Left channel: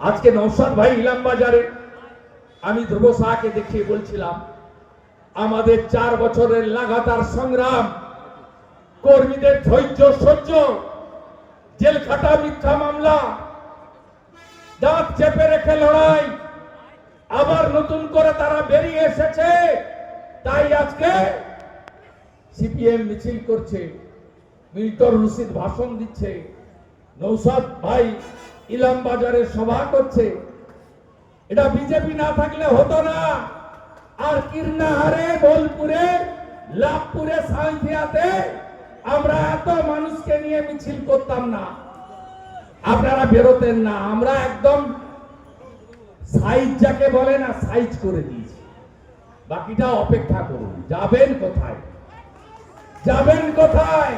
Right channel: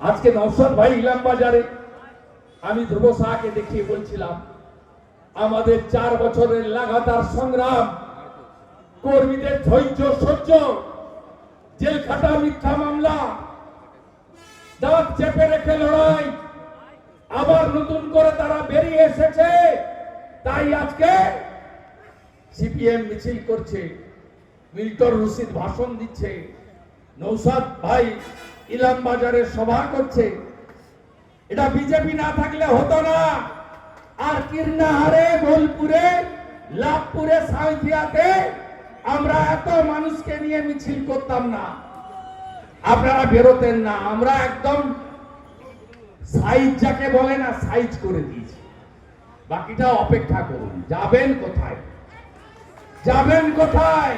আজকে নওশাদ ভাই ইলাম বাজারে আমি ধ্রুব শাহকে দেখিয়ে বলছিলাম আমাদের 4 বছরের লাগাতার সংগ্রাম, কর্মীদের ধৈর্য সহ্য, জেল খাটা, মিথ্যা মামলা, দাঁত চেপে রেখে লড়াই, আবার নতুন করে তারা বেরিয়ে এসেছে। তাই আজকে সিপিএম মিছিল করছে, মিল্টন রশিদ ভাষণ দিচ্ছে, নওশাদ ভাই ইলাম বাজারে সভা করছে। এটা বিজেপি না থাকলে হতো না। আর কীর্ণাহারে, বোলপুরে, লাভপুরে, সাঁইথিয়াতে আমরা এত মানুষকে নিয়ে মিছিল করতাম না, আপনারা বেরোতেন না। আমরা একদম সাইজ যাকে বলে না, সাইজ করে দিয়েছি। বাকিটা অপেক্ষা করুন। যাবেন কোথায়? যাবেন কোথায়?